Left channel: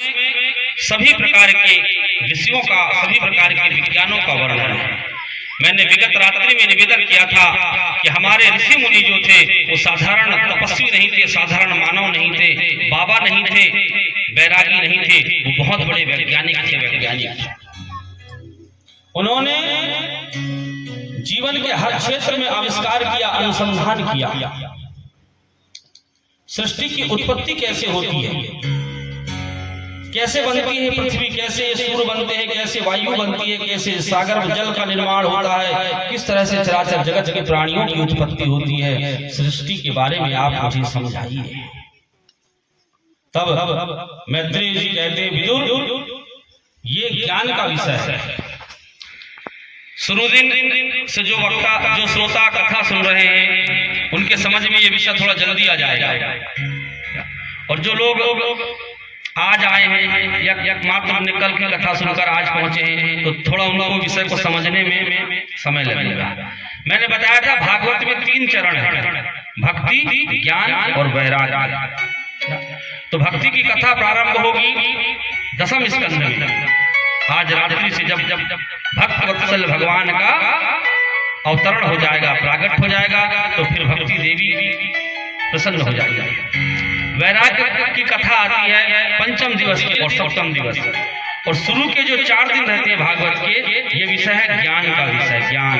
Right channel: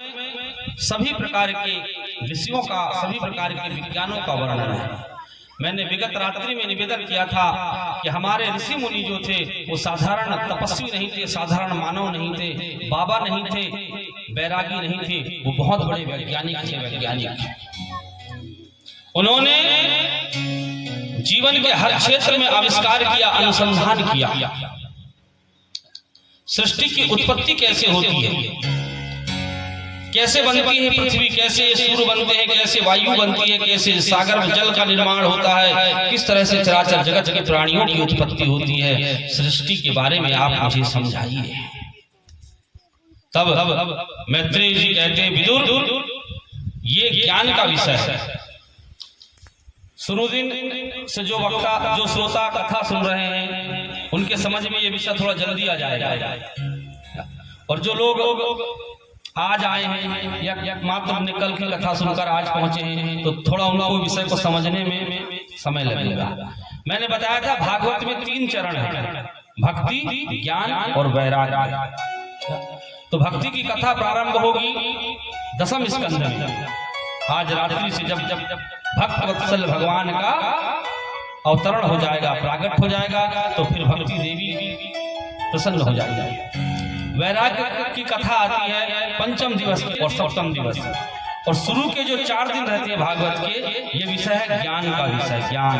सभी प्रकार के विषयों का, सभी प्रकार के विज्ञानों का वर्णन है। मैंने विगत रात्रि में निवेदन किया था कि हमारे ऋषि मुनि जो थे वो साधारण तपस्वी नहीं थे, साधारण मानव नहीं थे, बाबा नहीं थे, बैरागी नहीं थे, वो बहुत बड़े वैज्ञानिक थे। वैज्ञानिक उन्होंने जीवन के हर क्षेत्र में आविष्कार किया, अनुसंधान किया। सृष्टि की उत्पत्ति कैसे होती है, कैसे बनती है पृथ्वी, कैसे सूर्य बनते हैं, कैसे वायु बनती है, कैसे सागर में जल का निर्माण होता है, किस तरह से चराचर जगत के प्राणियों की उत्पत्ति होती है, सृष्टि के बारे में आप मुझे समझाइए। तब मैत्रेय जी कहते हैं, विदुर ये ज्ञान का विषय है। शुरुदिन से जो वक्ता, जो श्रोता कथा सुन रहे हैं, उनके समझ में ये विषय थोड़ा जल्दी आ जाएगा। और जो लोग आज आए हैं या मात्र निकल के कथा सुनकर आज पहुंचे हैं, तो थोड़ा उनको विषय को समझने में समय लगेगा। मैंने बताया था भागवत में 3 चरण हैं, भक्ति, ज्ञान और वैराग्य। तो भक्ति की कथा प्रारंभ होगी 10वें स्कंध में। आज रात्रि से जब भक्त वत्सल भगवान का अवतरण हो जाएगा, प्राकट हो जाएगा, तो फिर भक्ति देवी प्रसन्न हो जाएगी। वैराग्य की कथा आती है 5वें दिवस और 7वें दिवस, और शुरू के जो 4 दिन रहते हैं भागवत के, ये विषय है ज्ञान का विषय। ज्ञान,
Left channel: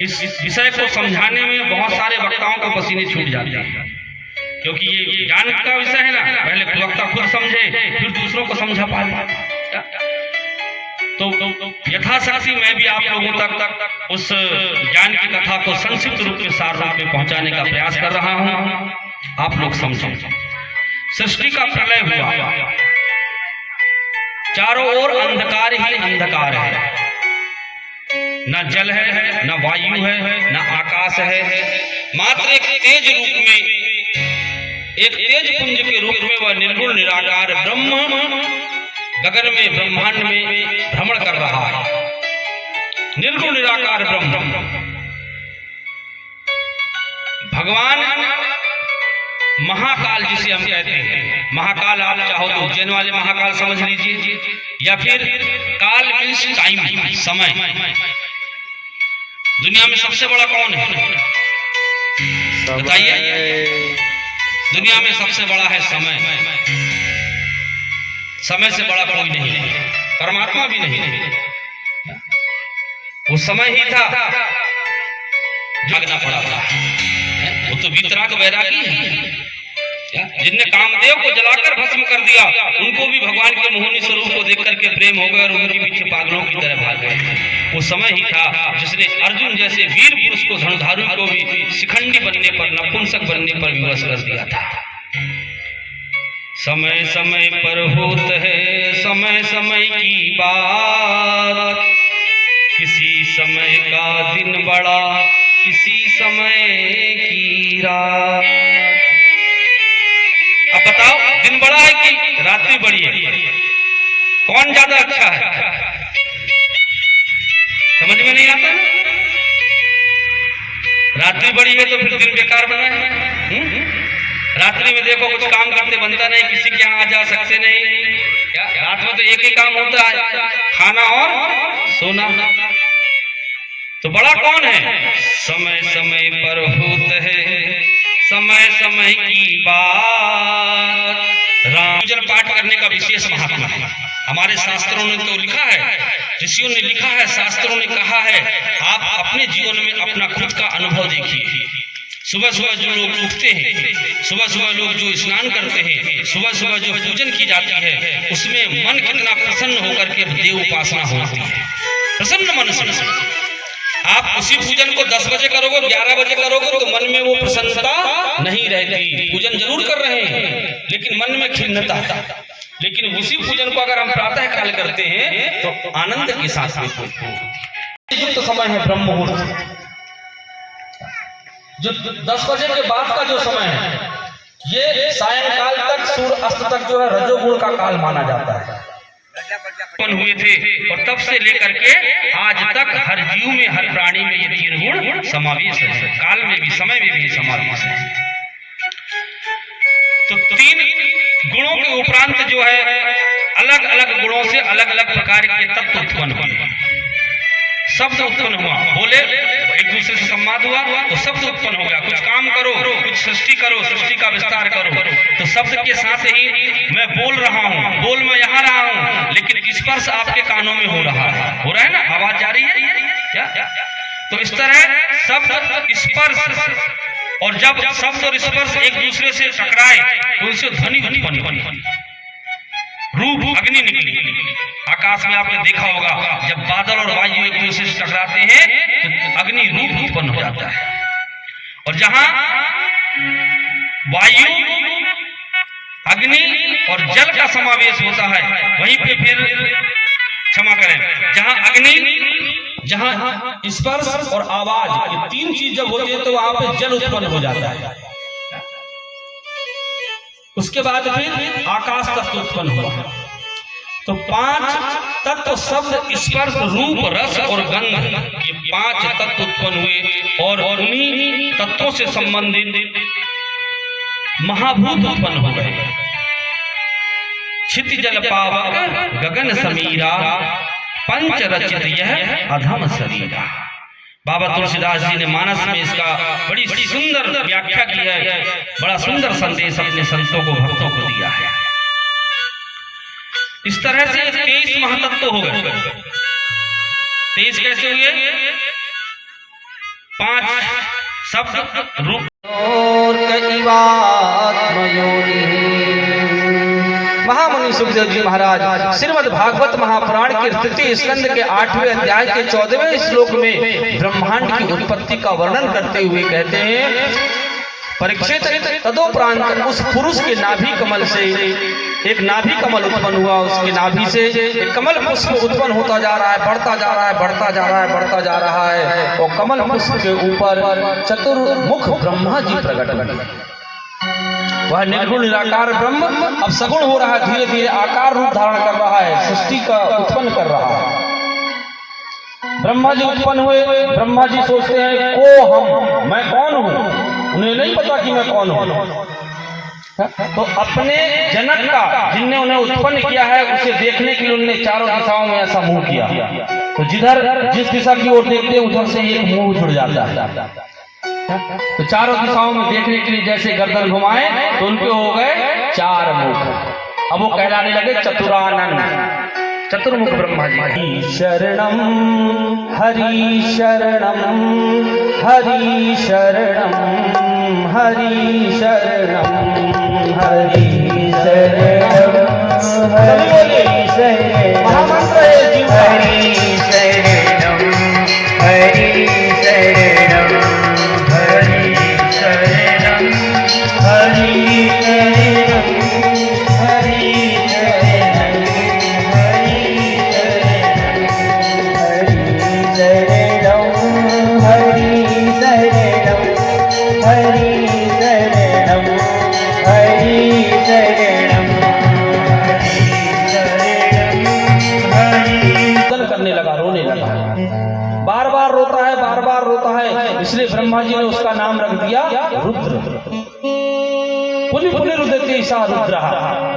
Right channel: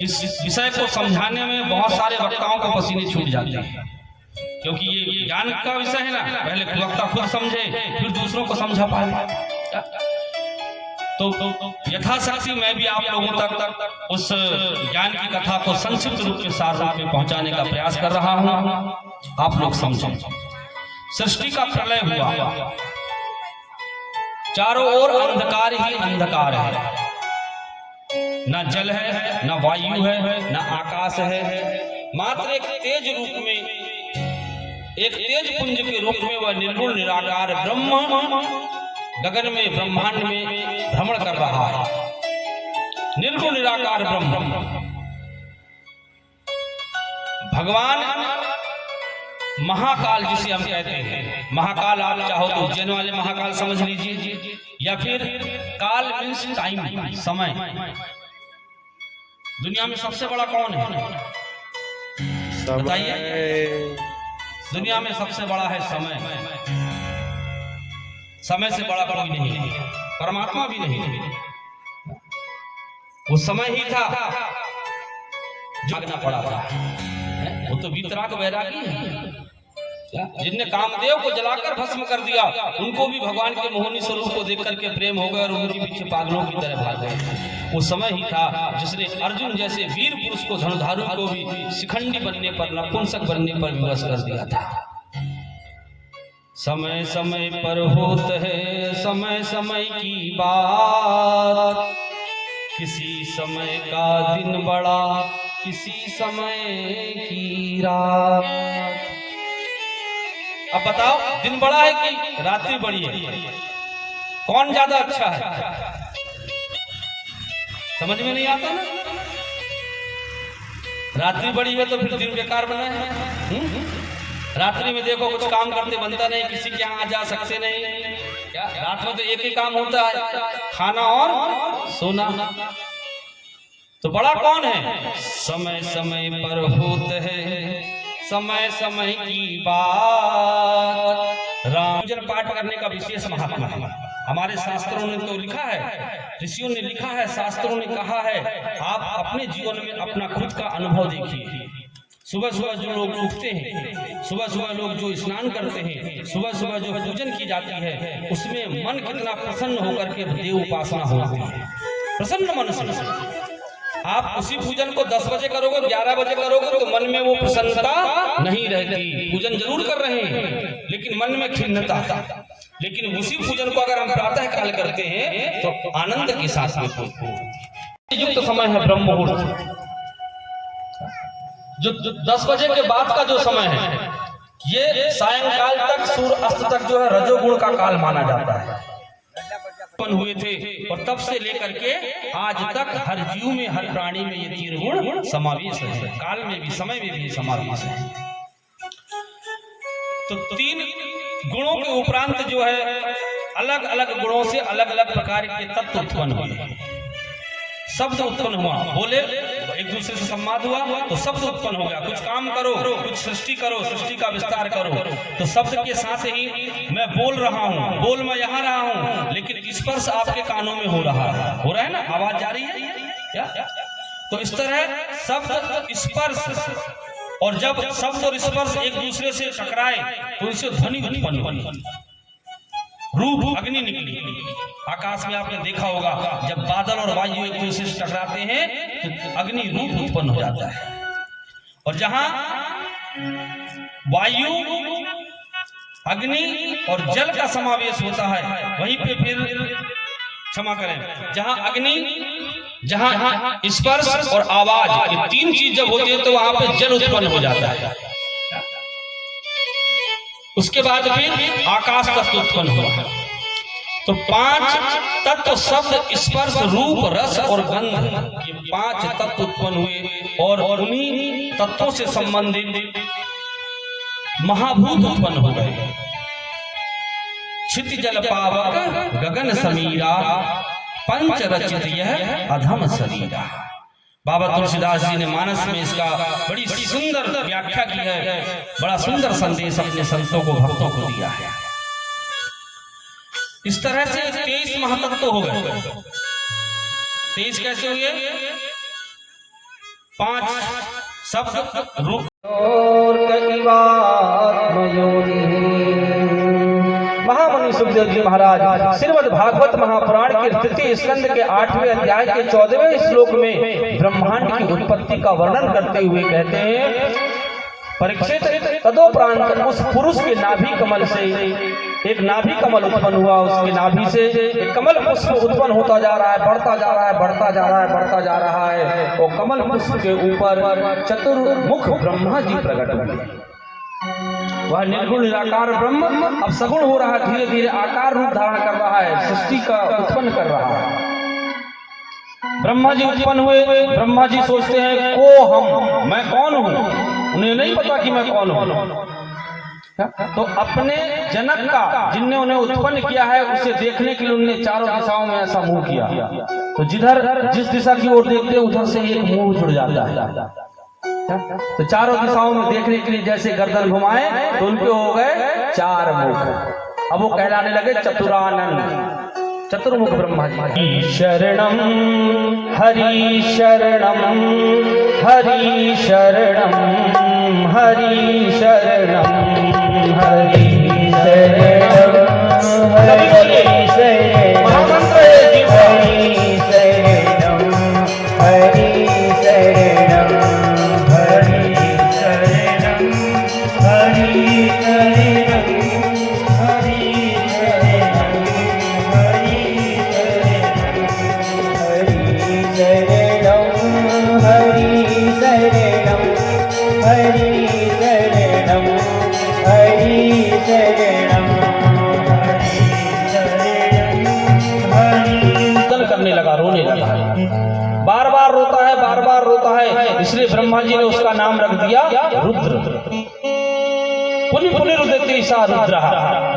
इस विषय को समझाने में बहुत सारे वक्ताओं को पसीने छूट जाते हैं, क्योंकि ये ज्ञान का विषय है ना। पहले वक्ता खुद समझे, फिर दूसरों को समझा पाए। तो यथाशक्ति मैं भी आप लोगों तक उस ज्ञान की कथा को संक्षिप्त रूप में, सार रूप में पहुंचाने का प्रयास कर रहा हूं। आप लोग समझें। सृष्टि का प्रलय हुआ, चारों ओर अंधकार ही अंधकार है, न जल है, न वायु है, न आकाश है, मात्र एक तेज रूप में, एक तेज पुंज के रूप में वह निर्गुण निराकार ब्रह्म गगन में, ब्रह्मांड में भ्रमण कर रहा है। निर्गुण निराकार ब्रह्म भगवान महाकाल, जिसे हम कहते हैं महाकाल। आप चाहो तो उज्जैन वाले महाकाल समझ लीजिए, या फिर काल मीन्स टाइम, समय। दुनिया में सबसे बड़ा कौन है बताइए? दुनिया में सबसे बड़ा है समय। समय से बड़ा कोई नहीं है, परमात्मा भी नहीं है। वो समय ही था, जागना पड़ा था। वो तो वीतराग वैरागी है, जिनने कामदेव को जलाकर भस्म कर दिया, उनको भी भगवान के मोहिनी स्वरूप को देख करके प्रेम हो गया और उनके पीछे पागलों की तरह भाग गए। वो समय ही था जिसने अर्जुन जैसे वीर पुरुष को, धनुधारू को भी शिखंडी बनने पर, नपुंसक बनने पर विवश कर दिया था। समय समय पर होत है समय समय की बात, किसी समय का दिन बड़ा, किसी समय की रात। अब बताओ, दिन बड़ा है कि रात्रि बड़ी है? कौन ज्यादा अच्छा है? समझ में नहीं आता ना। रात्रि बड़ी है तो फिर दिन बेकार बना है। रात्रि में देखो कुछ काम करते बनता नहीं, किसी के यहाँ आ जा सकते नहीं। रात में तो एक ही काम होता है, खाना और सोना। तो बड़ा कौन है? समय समय पर होता है समय समय की बात। राम पूजन पाठ करने का विशेष महत्व है। हमारे शास्त्रों ने तो लिखा है, ऋषियों ने लिखा है, शास्त्रों ने कहा है। आप अपने जीवन में अपना खुद का अनुभव देखिए। सुबह सुबह जो लोग उठते हैं, सुबह सुबह लोग जो स्नान करते हैं, सुबह सुबह जो पूजन की जाती है, उसमें मन कितना प्रसन्न होकर के देव उपासना होती है। प्रसन्न मन से आप उसी पूजन को 10 बजे करोगे, 11 बजे करोगे, तो मन में वो प्रसन्नता नहीं रहती। पूजन जरूर कर रहे हैं लेकिन मन में खिन्नता। लेकिन उसी पूजन को अगर हम प्रातः काल करते हैं तो आनंद के साथ में युक्त समय है ब्रह्म मुहूर्त। जो 10 बजे के बाद का जो समय है, ये सायंकाल तक, सूर्य अस्त तक जो है रजोगुण का काल माना जाता है। हुए थे और तब से लेकर के आज तक हर जीव में, हर प्राणी में ये 3 गुण समावेश है। काल में भी, समय में भी समावेश है। तो 3 गुणों उपरांत जो है अलग अलग गुणों से अलग अलग प्रकार के तत्व उत्पन्न हुए, शब्द उत्पन्न हुआ, बोले एक दूसरे से संवाद हुआ तो शब्द उत्पन्न हो गया। कुछ काम करो, कुछ सृष्टि करो, सृष्टि का विस्तार करो, तो शब्द के साथ ही मैं बोल रहा हूँ, बोल मैं यहाँ रहा हूँ, लेकिन स्पर्श आपके कानों में हो रहा है ना, आवाज जा रही है क्या? तो इस तरह शब्द स्पर्श, और जब शब्द और स्पर्श एक दूसरे से टकराए तो इससे ध्वनि उत्पन्न हुई, रूप अग्नि निकली। आकाश में आपने देखा होगा जब बादल और वायु एक दूसरे से टकराते हैं तो अग्नि रूप उत्पन्न हो जाता है, और जहां वायु, अग्नि और जल का समावेश होता है वहीं पे फिर, क्षमा करें, जहां अग्नि, जहां स्पर्श और आवाज, ये तीन चीज जब होती है तो वहां पे जल उत्पन्न हो जाता है। उसके बाद फिर आकाश तत्व उत्पन्न हुआ। तो 5 तत्व शब्द, स्पर्श, रूप, रस और गंध, ये 5 तत्व उत्पन्न हुए, और उन्हीं तत्वों से संबंधित महाभूत उत्पन्न हो गए। क्षिति जल पावक गगन समीरा, पंच रचित यह अधम शरीरा। बाबा तुलसीदास जी ने मानस में इसका बड़ी सुंदर व्याख्या की है, बड़ा सुंदर संदेश अपने संतों को, भक्तों को दिया है। इस तरह से 23 महातत्व हो गए। 23 कैसे हुए? 5 शब्द, रूप और महामुनि सुखदेव जी महाराज श्रीमद् भागवत महापुराण के तृतीय स्कंद के 8वें अध्याय के 14वें श्लोक में ब्रह्मांड की उत्पत्ति का वर्णन करते हुए कहते हैं, परीक्षित, तदोपरांत उस पुरुष के नाभि कमल से एक नाभि कमल उत्पन्न हुआ, उसके नाभि से एक कमल पुष्प उत्पन्न होता जा रहा है, बढ़ता जा रहा है, बढ़ता जा रहा है, बढ़ता जा रहा है, और कमल पुष्प के ऊपर चतुर्मुख ब्रह्मा जी प्रकट बने। वह निर्गुण निराकार ब्रह्म अब सगुण हो रहा है, धीरे धीरे आकार रूप धारण कर रहा है, सृष्टि का उत्पन्न कर रहा है। ब्रह्मा जी उत्पन्न हुए। ब्रह्मा जी सोचते हैं को हम, मैं कौन हूँ, उन्हें नहीं पता कि मैं कौन हूँ। तो अपने जनक का, जिनने उन्हें उत्पन्न किया है, उसे देखने के लिए उन्होंने चारों दिशाओं में ऐसा मुंह किया। तो जिस दिशा की ओर देखते हैं उधर से एक मुंह जुड़ जाता है। तो चारों दिशाओं में देखने के लिए जैसे गर्दन घुमाए तो उनके हो गए 4 मुख। अब वो कहलाने लगे चतुरानन, चतुर्मुख ब्रह्मा जी। शरणम हरि शरणम, हरि शरणम, हरि शरणम, हरि शरणम, हरि शरणम, महामंत्र है जी, हरि शरणम, हरि शरणम, हरि शरणम, हरि शरणम, हरि शरणम, इसलिए ब्रह्मा जी ने उसका नाम रख दिया रुद्र। पुनि पुनि रुदति सा रुद्र,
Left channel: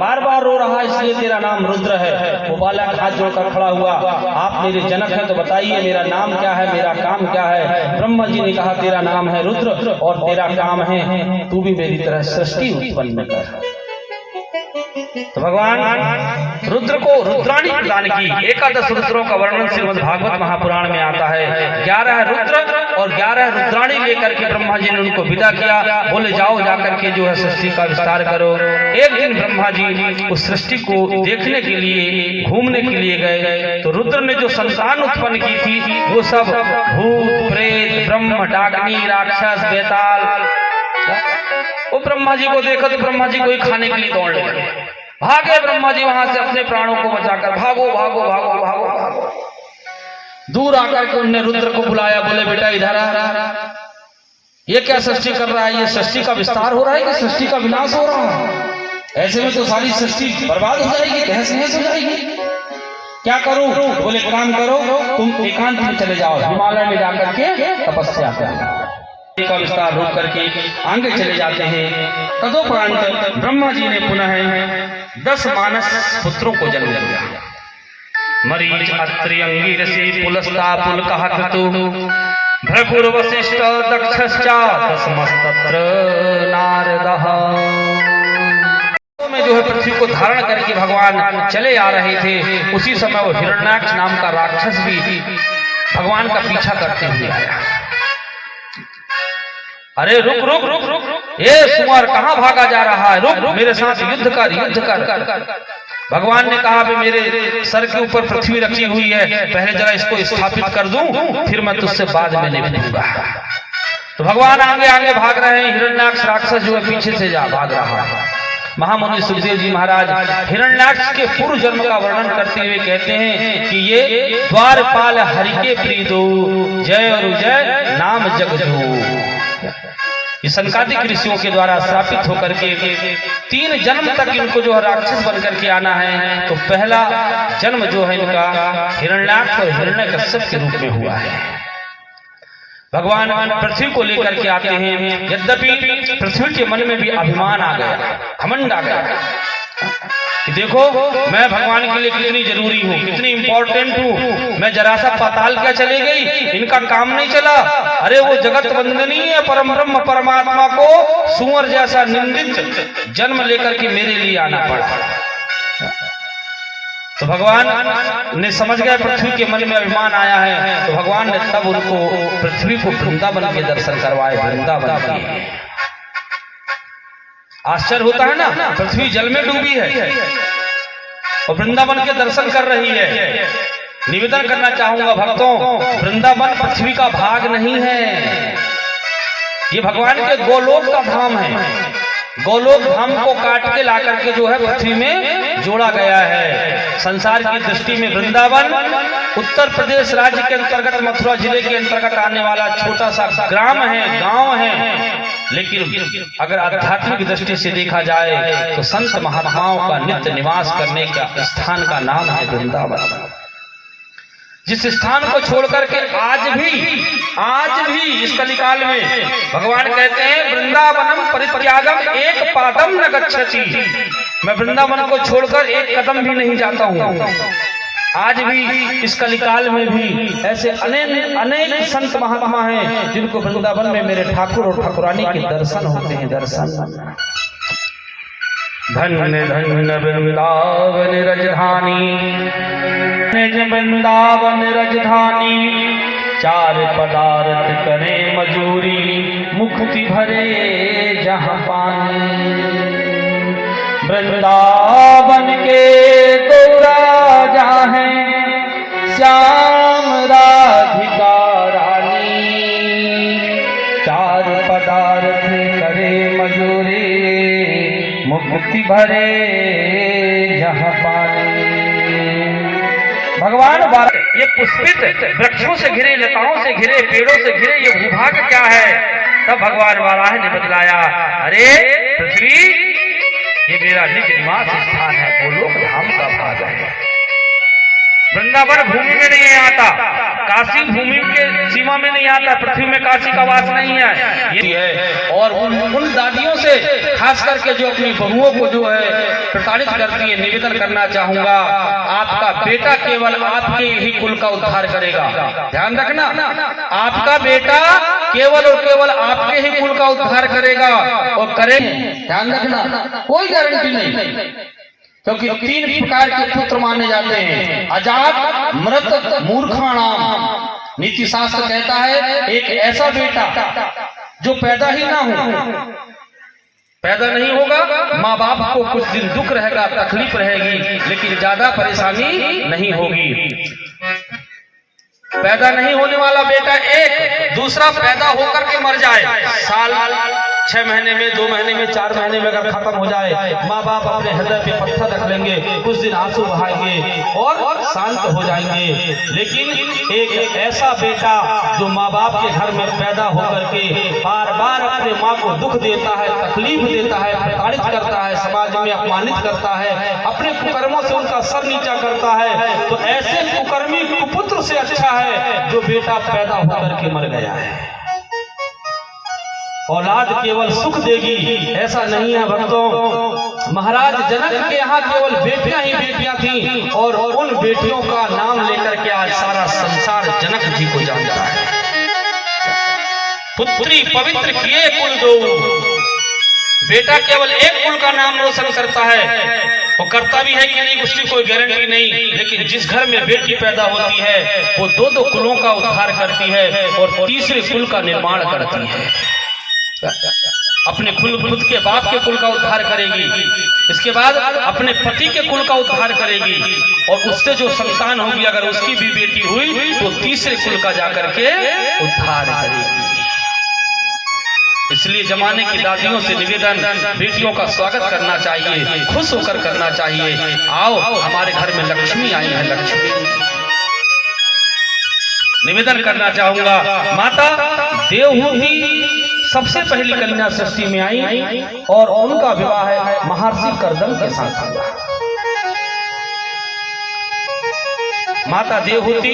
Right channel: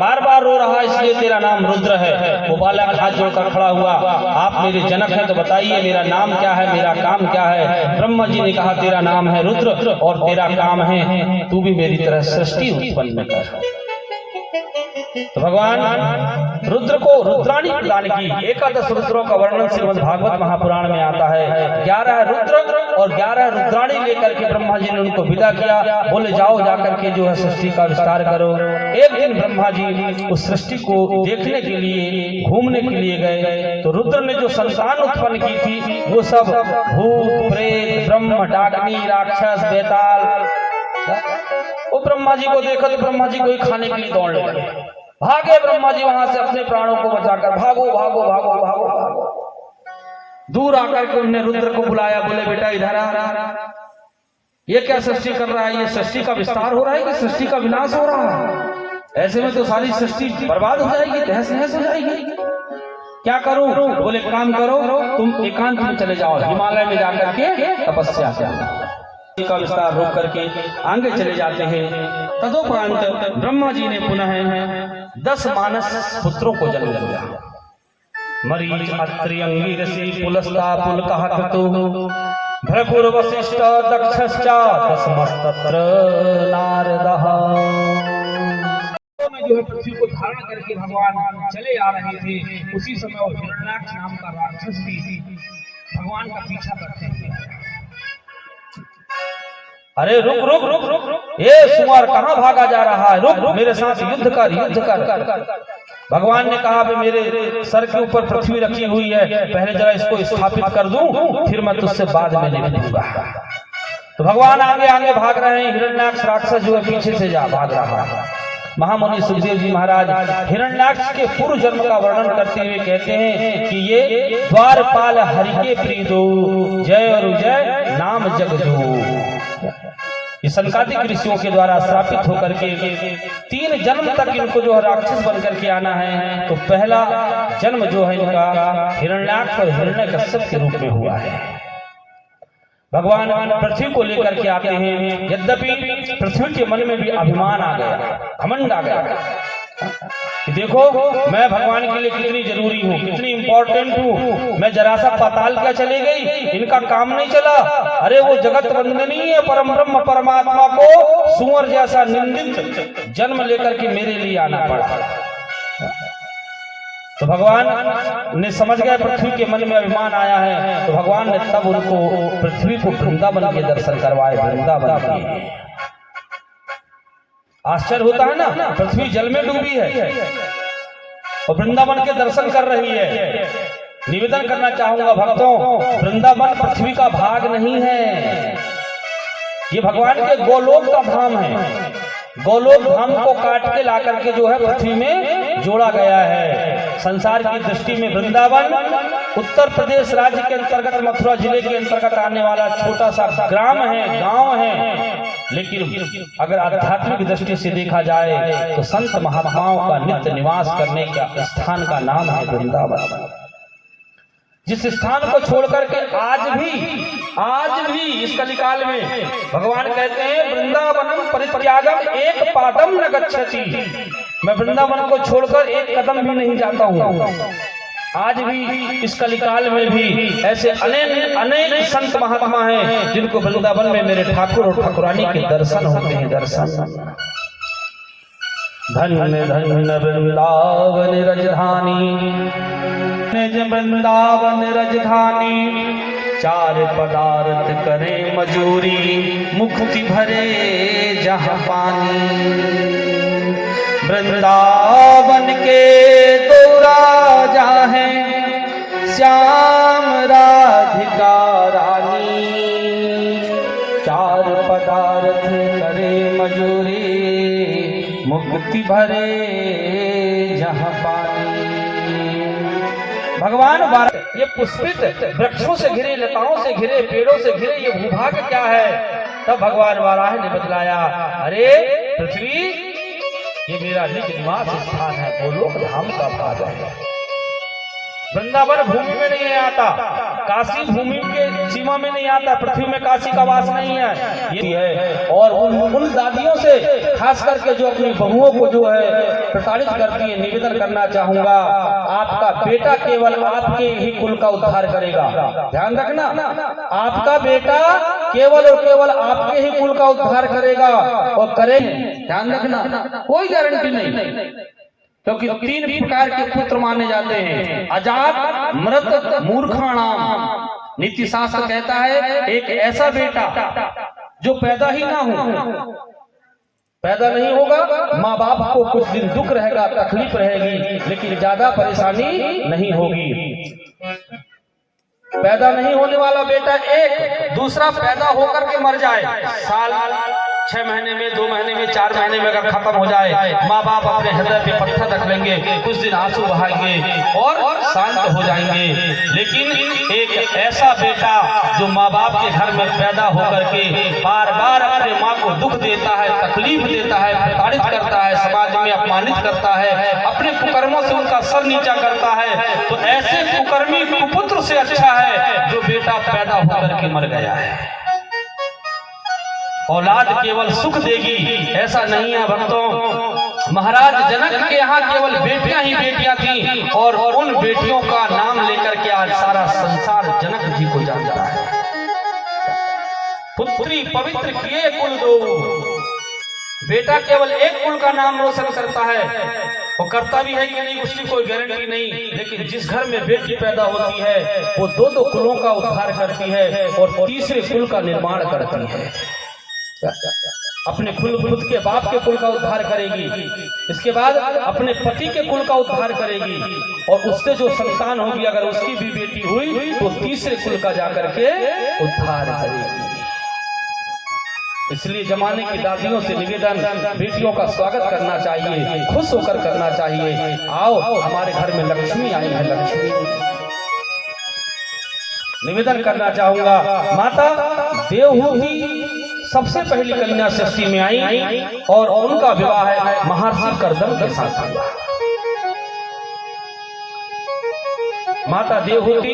बार बार रो रहा इसलिए तेरा नाम रुद्र है। वो बालक हाथ जोड़कर खड़ा हुआ, आप मेरे जनक हैं तो बताइए मेरा नाम क्या है, मेरा काम क्या है। ब्रह्मा जी ने कहा तेरा नाम है रुद्र और तेरा काम है तू भी मेरी तरह सृष्टि उत्पन्न कर। तो भगवान रुद्र को रुद्राणी प्रदान की। 11 रुद्रों का वर्णन श्रीमद् भागवत महापुराण में आता है। 11 रुद्र और 11 रुद्राणी लेकर के ब्रह्मा जी ने उनको विदा किया, बोले जाओ जाकर के जो है सृष्टि का विस्तार करो। एक दिन ब्रह्मा जी उस सृष्टि को देखने के लिए, घूमने के लिए गए तो रुद्र ने जो संतान उत्पन्न की थी वो सब भूत, प्रेत, ब्रह्म, डाकनी, राक्षस, बेताल। वो ब्रह्मा जी को देखा तो ब्रह्मा जी को ही खाने के लिए दौड़ने लगे। भागे ब्रह्मा जी वहां से अपने प्राणों को बचाकर, भागो भागो भागो भागो भागो। दूर आकर के उन्होंने रुद्र को बुलाया, बोले बेटा इधर आ, ये क्या सृष्टि कर रहा है, ये सृष्टि का विस्तार हो रहा है कि सृष्टि का विनाश हो रहा है? ऐसे में तो सारी सृष्टि बर्बाद हो जाएगी, तहस नहस हो जाएगी। क्या करूं? बोले काम करो, तुम एकांत में चले जाओ, हिमालय में जाकर के तपस्या करो। का विस्तार रोक करके आगे चले जाते हैं। तदोपरांत ब्रह्मा जी ने पुनः 10 मानस पुत्रों को जन्म दिया। मरीच, अत्रि, अंगिरसि, पुलस्ता, पुलकः, क्रतुः, भृगुर, वसिष्ठ, दक्षश्च, दशमस्तत्र नारदः। में जो है पृथ्वी को धारण करके भगवान चले आ रहे थे, उसी समय वो हिरण्याक्ष नाम का राक्षस भी भगवान का पीछा करते हुए आया। अरे रुक रुक रुक रुक, ये सुअर कहाँ भागा जा रहा है, रुक, मेरे साथ युद्ध कर, युद्ध कर। भगवान ने कहा, मेरे सर के ऊपर पृथ्वी रखी हुई है, पहले जरा इसको स्थापित कर दूं, फिर मैं तुझसे बाद में निपटूंगा। तो भगवान आगे आगे भाग रहे हैं, हिरण्याक्ष राक्षस जो है पीछे से जा भाग रहा है। महामुनि सुखदेव जी महाराज हिरण्याक्ष के पूर्व जन्म का वर्णन करते हुए कहते हैं कि ये द्वारपाल हरि के प्रीदो, जय और जय नाम जगजो। ये सनकादिक ऋषियों के द्वारा श्रापित होकर के 3 जन्म तक इनको जो है राक्षस बनकर के आना है। तो पहला जन्म जो है इनका हिरण्याक्ष और हिरण्यकश्यप के रूप में हुआ है। भगवान पृथ्वी को लेकर के आते हैं, यद्यपि पृथ्वी के मन में भी अभिमान आ गया, घमंड आ गया कि देखो मैं भगवान के लिए कितनी जरूरी हूँ, कितनी इंपॉर्टेंट हूँ, मैं जरा सा पाताल क्या चले गई, इनका काम नहीं चला। अरे वो जगत वंदनीय परम ब्रह्म परमात्मा को सुअर जैसा निंदित जन्म लेकर के मेरे लिए आना पड़ा। तो भगवान ने समझ गया पृथ्वी के मन में अभिमान आया है, तो भगवान ने तब उनको पृथ्वी को वृंदावन के दर्शन करवाए। वृंदावन के आश्चर्य होता है ना, पृथ्वी जल में डूबी है और वृंदावन के दर्शन कर रही है। निवेदन करना चाहूंगा भक्तों, वृंदावन पृथ्वी का भाग नहीं है, ये भगवान के गोलोक का धाम है। गोलोक धाम को काट के ला करके जो है पृथ्वी में जोड़ा गया है। संसार की दृष्टि में वृंदावन उत्तर प्रदेश राज्य के अंतर्गत मथुरा जिले के अंतर्गत आने वाला छोटा सा ग्राम है, गांव है। लेकिन अगर आध्यात्मिक दृष्टि से देखा जाए तो संत महात्माओं का नित्य निवास करने का स्थान का नाम है वृंदावन। जिस स्थान को छोड़कर के आज भी इस कलिकाल में भगवान कहते हैं वृंदावनम परित्यागम एक पादम न गच्छति, मैं वृंदावन को छोड़कर एक कदम भी नहीं जाता हूँ। आज भी इस कलिकाल में भी ऐसे अनेक संत महात्मा हैं जिनको वृंदावन में मेरे ठाकुर और ठाकुरानी के दर्शन होते हैं। दर्शन धन्य धन्य वृंदावन रजधानी, वृंदावन रजधानी, 4 पदार्थ करे मजूरी, मुक्ति भरे जहाँ पानी। वृंदावन के 2 राजा हैं, श्याम राधिका रानी, 4 पदार्थ करे मजूरी, मुक्ति भरे जहाँ पानी। भगवान ये पुष्पित वृक्षों से घिरे, लताओं से घिरे, पेड़ों से घिरे ये भूभाग क्या है? तब भगवान वाराह ने बतलाया, अरे पृथ्वी ये मेरा निज निवास स्थान है, गोलोक धाम का भाग है। वृंदावन भूमि में नहीं आता, काशी भूमि के सीमा में नहीं आता, पृथ्वी में काशी का वास नहीं है, ये है। और उन दादियों से खास करके जो अपनी बहुओं को जो है प्रताड़ित करती है, निवेदन करना चाहूंगा, आपका बेटा केवल आपके ही कुल का उद्धार करेगा। ध्यान रखना, आपका बेटा केवल और केवल आपके ही कुल का उद्धार करेगा और करे। ध्यान रखना, कोई गारंटी नहीं, क्योंकि 3 प्रकार के पुत्र माने जाते हैं, अजात, मृत, मूर्खाणाम। नीति शास्त्र कहता है एक ऐसा बेटा जो पैदा ही ना हो, पैदा नहीं होगा, माँ बाप को कुछ दिन दुख रहेगा, तकलीफ रहेगी, लेकिन ज्यादा परेशानी नहीं होगी। पैदा नहीं होने वाला बेटा एक, दूसरा पैदा होकर के मर जाए, साल 6 महीने में, 2 महीने में, 4 महीने में अगर खत्म हो जाए, माँ बाप अपने हृदय पे पत्थर रख लेंगे, कुछ दिन आंसू बहाएंगे और शांत हो जाएंगे। लेकिन एक ऐसा बेटा जो माँ बाप के घर में पैदा होकर के बार बार अपने माँ को दुख देता है, तकलीफ देता है, प्रताड़ित करता है, समाज में अपमानित करता है, अपने कुकर्मों से उनका सर नीचा करता है, तो ऐसे कुकर्मी कुपुत्र से अच्छा है जो बेटा पैदा होकर के मर गया है। औलाद केवल सुख देगी ऐसा नहीं है भक्तों। महाराज जनक के यहाँ केवल बेटियां ही बेटियां थीं और उन बेटियों का नाम लेकर के आज सारा संसार जनक जी को जानता है। पुत्री पवित्र किए कुल दो, बेटा केवल एक कुल का नाम रोशन करता है। वो करता भी है कि नहीं उसकी कोई गारंटी नहीं, लेकिन जिस घर में बेटी पैदा होती है वो दो दो कुलों का उद्धार करती है और तीसरे कुल का निर्माण करती है। अपने खुद के बाप के कुल का उद्धार करेगी, इसके बाद अपने पति के कुल का उद्धार करेगी और उससे जो संतान होगी अगर उसकी भी बेटी हुई तो तीसरे कुल का जाकर के उद्धार करेगी। इसलिए जमाने की दादियों से निवेदन, बेटियों का स्वागत करना चाहिए, खुश होकर करना चाहिए। आओ हमारे घर में लक्ष्मी आई है, लक्ष्मी निवेदन करना चाहूंगा। माता देवहूति सबसे पहली कन्या सृष्टि में आई और उनका विवाह महर्षि कर्दम के साथ हुआ। माता देवहूति